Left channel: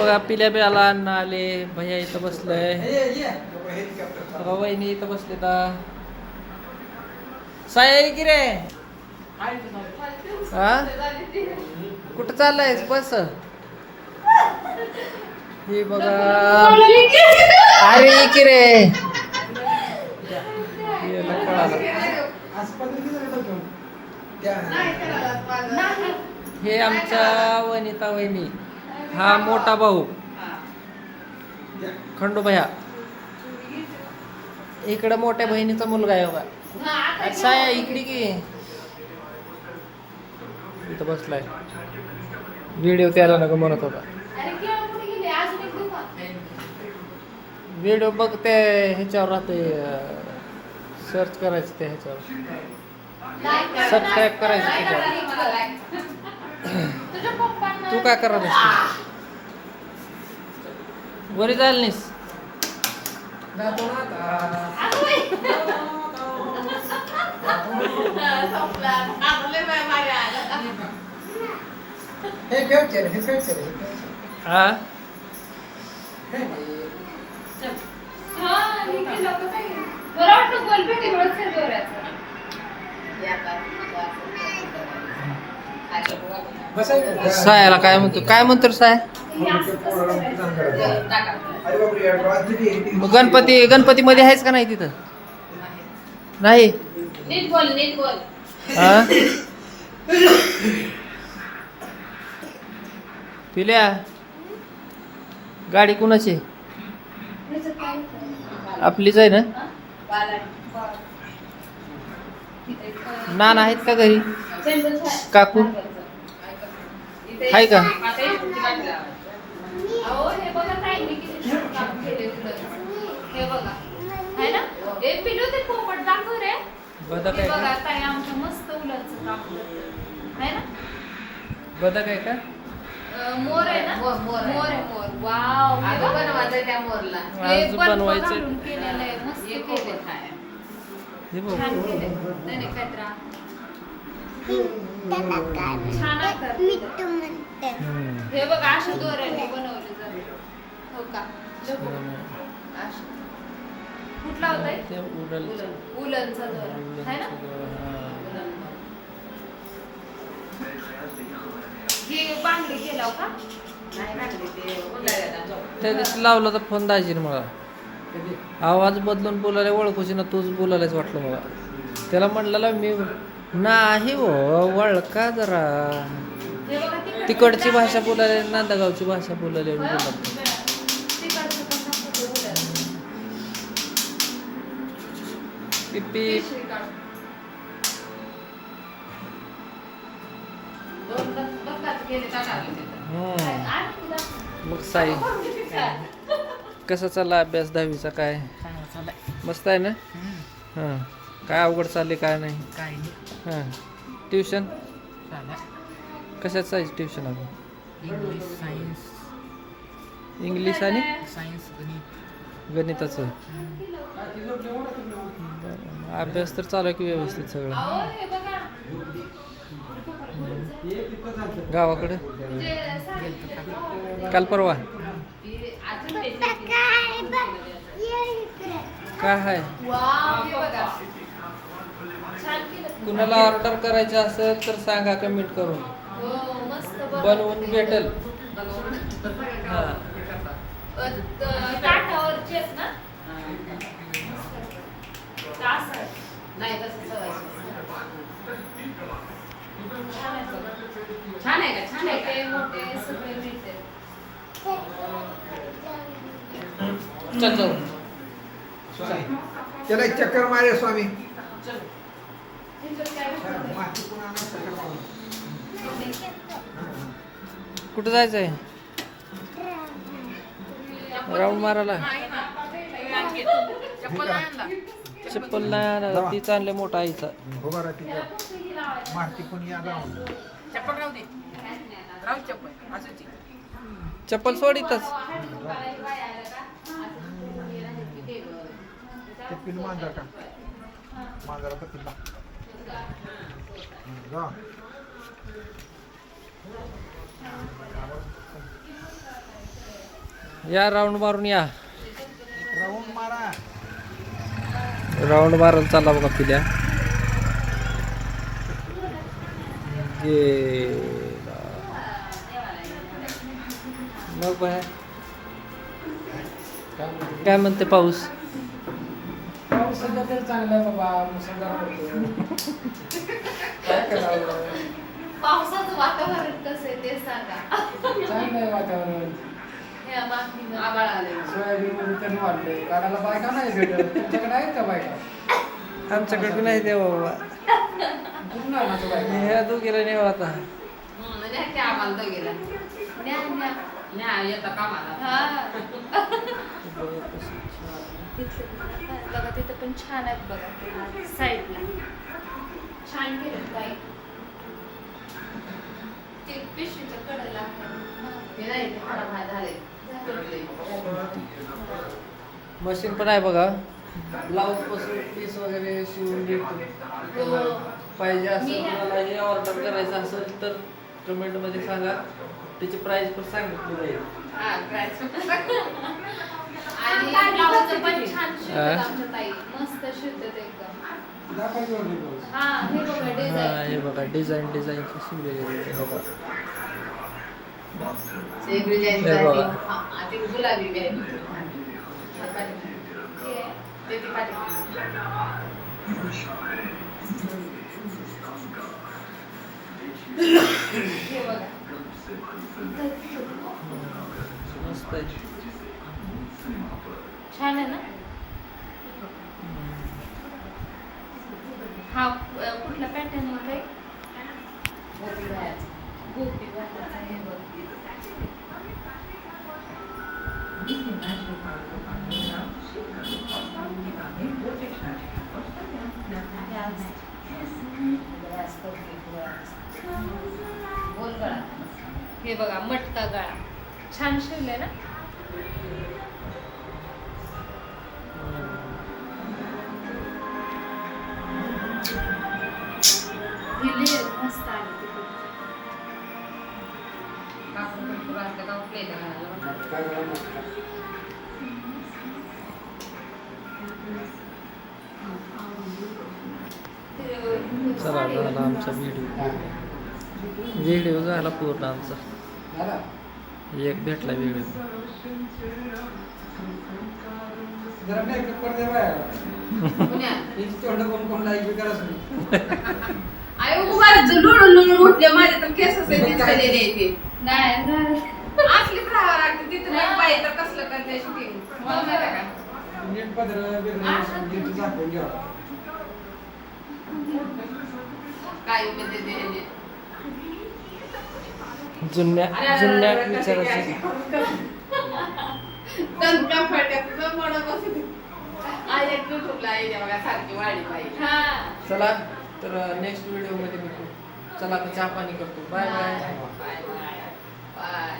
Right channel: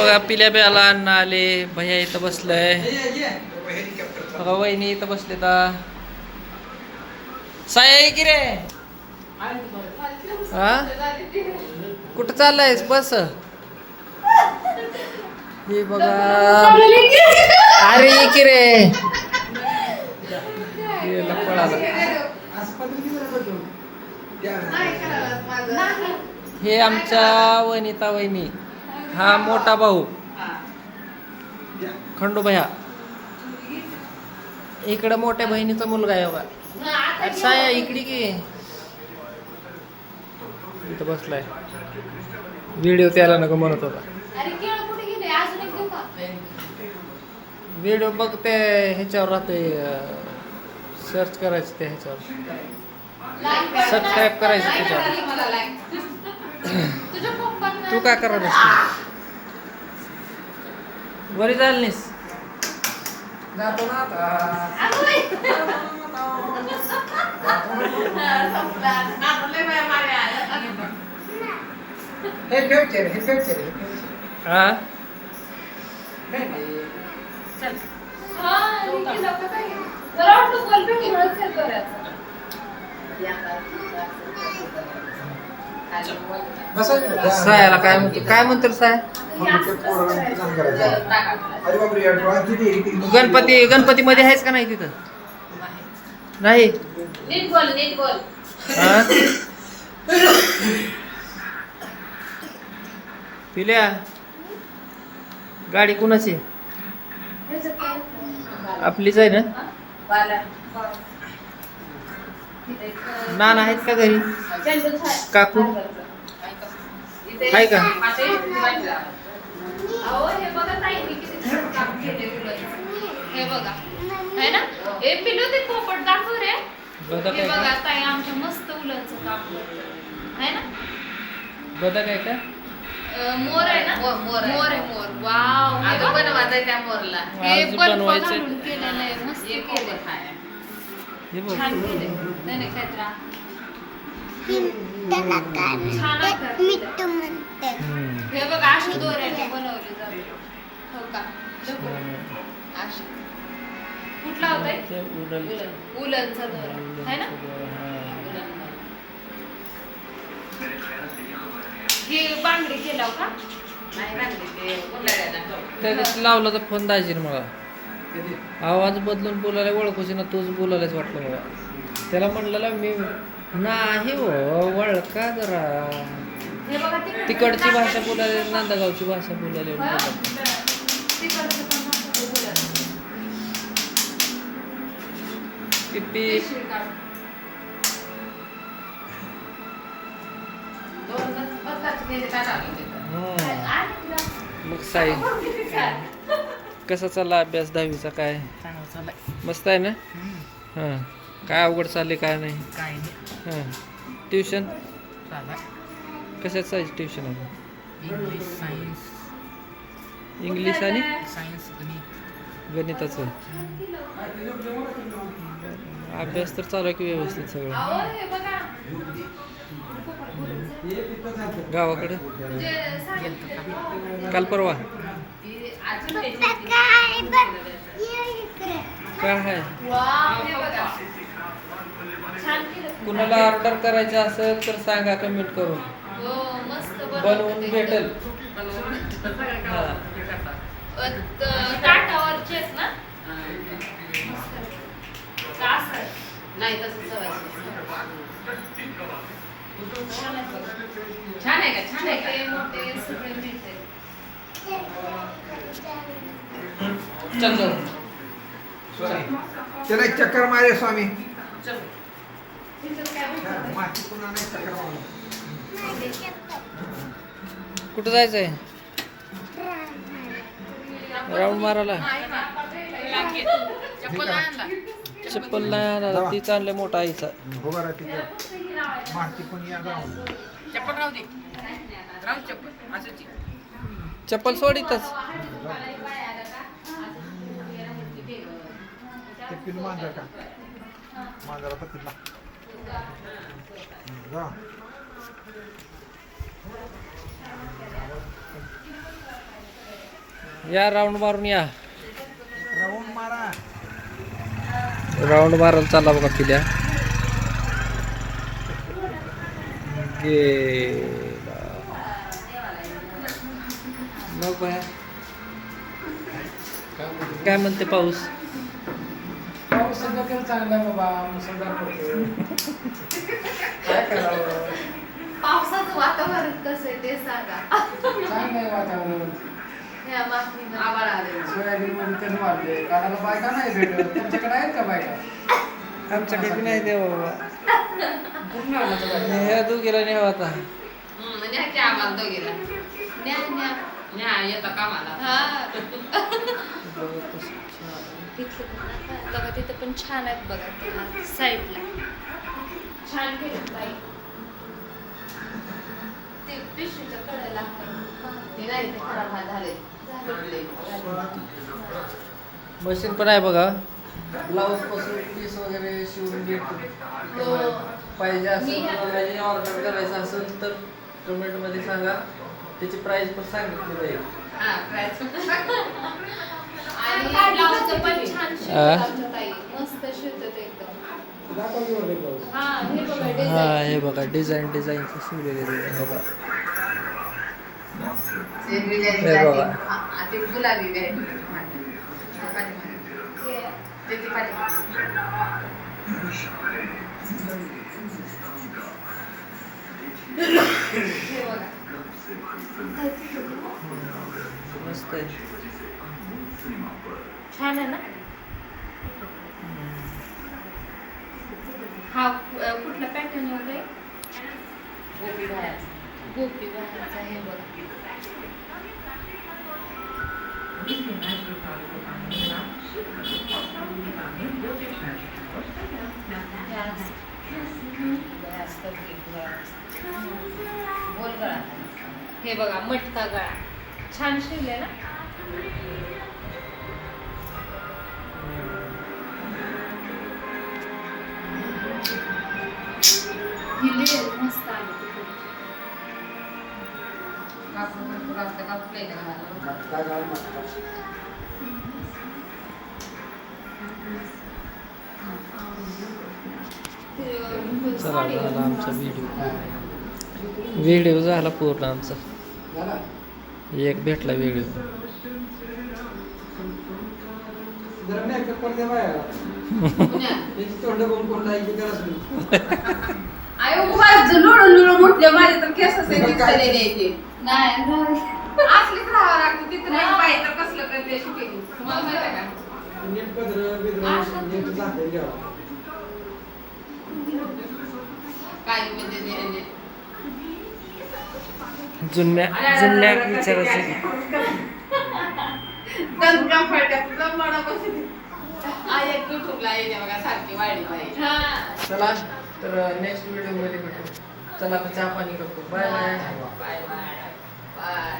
बघा पिल्या प्याला अन्न आले. भैया इथं बसलंय. बघा वहिनी इथं बसले. साया की रे. हा कुठं चाललायस? बस. हे बघा. अरे की रे. पळाला. हे आमच्या वनिता वहिनी. हा मोठा भाऊ खंडू भैया. इकडं मोठ्या बहिणीचा मुलगा आहे बघा. साया इकडे की. इथं बसलाय. व्हिडिओ त्याला नको म्हणत होता. व्हिडिओ बघते ह्याच्यावर राहते. सर्च करायचं ते ह्याच्यावर. सबस्क्राईब करायचं त्याच्यावर. तू काय करत असते? वरी जायला नाहीस? जातो ना आता. हे खेळचे रे, हे खेळचे रे. हा सायाला काय म्हणतो? काय म्हणतो साय? गणपती मध्ये आहेच का नाही तिथं? नाही. नीट बोल, नीट बोल. हा पिल्या गाडी कुणाची? आपलीच आहे ना? नाना आहेत का घरी? काकू आहे का? हे बघा आहे ना. हे पिलू ते पोपट दाखव रे. बदक आहे बघा का? ताई आमच्या मस्त उलटचं काम आहे ना. बदक आहे का? मोर आहे ना. मोर आहे. मोर. वाव. हे बनवायचं त्या मोरला. हे आज बल्ब बनवायचं. घालून केलेलं आहे. मस्त केले. हे बघ. छान केले. नाही काय त्रास. हे बघ अशी दोऱ्याने बनवले जाते. हो का? अशी. कुठला होता? उलनचा दोरा आहे ना. ही बांगडी केला का? नाही बांगडी ते उलऱ्याला. लावला तर फोन दाजीर मला. आवाज बदलून बोलायला ओळखूची ना. तूच बोलायलाच वाटलं मला. त्याला म्हणलेला मी नाही हो वळका जरा. तिकडची भाषा बोलायला, नांदगावची भाषा बोलायला. किती मग साई कसा चालला अभ्यास? 10वीचा काय? मस्त आहे ना. हां काय अवघड चालले काय नाही? काय नाही. हां ट्युशन कशाच आहे ट्युशन? अजून इंग्लिश, सायन्स. इंग्लिश आणि सायन्स, गणिताचं. अभ्यास तर चालू आहे की व्यवस्थित सगळं? गावाकडे काल परवा काय आहे? कुणाला ऑर्डर करायचं असेल तर सांगा कमेंट करून. बनवून भेटेल. हा ताटावरचे आहेत ना. नाही तसं छान आहे का? छान आहे का? मोठे सगळे मिळते. चल जाऊ. चला चक्कर मारे स्वामी. कुठं जायचंय? राऊंड मारायला. चप्पल नाही आणला. तीच आणले मोठा आईचा. चप्पल राहू दे. राहू चप्पल. असंच. चप्पल सोडितच. मांजर का? मांजरा पत्तीला. या राऊंड मारून या. राऊंड मारा. राऊंड मारायला चालला बघा पिल्या. गेला. मग बाहेर काय म्हणते पाऊस? पाऊस सध्या तरी चांगला आहे बाबा, मुसळधार पडतोय. काय करावं? पावसाचं वातावरण कसं आहे ते सांगा. चांगलं आहे वातावरण. या बातमीनं आभाळ आले. सोयाबीन मध्ये तण वाढले, काढायला बायका नाही भेटत. तुमच्याकडे आहेत का बायका? आमच्याकडे बी नाही देवा बाबा. कुठून आणायचं बायका? ह्या दोघीला नेऊ आता. म्हणजे की आम्हाला दोघीला न्या न्या न्या येतं कामाला. बघा तिथं पण छान आहेत बघा ते साईडला छान केलं बाई. ते पिशवीच्या कडेला ते नाही ते खराब झाले. मशीन पण आहे बघा. ब्लाऊज पासून पीस वगैरे शिवून देतो. पाहिजे असेल तुम्हाला हे ऑर्डर करायचं असेल तर कमेंट मध्ये सांगा. त्याची प्राइस पण सांगितली जाईल. हा प्राइस आणि ब्लाऊजचं पण छान शिवतात आमच्या ताई. मस्त शिवतात एकदम. दाखव की वगैरे ब्लाऊज. हा हे बघा हा डिझाईन. हे बघा डिझाईन शिवलेले आहे बघा. एक डिझाईन हे बघा. ते गुलाबी व्हरायटी. त्याची पाठी हे बघा. मस्त आहे. छान आहे ना. हा कुठला पॅटर्न होते? गोपी बाहेरचा हे बघ. गोल गळा. हे बघा मटका गळा. छान शिवले ना. ही लेअर मस्त आली. मटका गळा, मटका. चला झाला आमचा व्हिडिओ झाला पूर्ण आमचा. झाला? एक भेटला व्हिडिओ. जरा मेकअप करते बाया. तिची तोंड कोण लाईक करत नाही. आयो लुळून उठले माझे तर केस दिसलेले ते नाही असलीच राहावं लागतं तिथं नाही पाहिजे तर कसलं करते शूटिंग तुम्हाला माहिती आहे का? नीट पदर दाखवून घ्यावा. काय म्हणजे ते जुन्या विचाराचे. दणका फाट्यात तुला मोडा बसते आई एक युट्यूबला येते बघा सारखी वाढली पाहिजे. चला तर नेक्स्ट व्हिडिओ मध्ये भेटू. चला आता चहा पाणी करतो. Bye bye. Bye bye.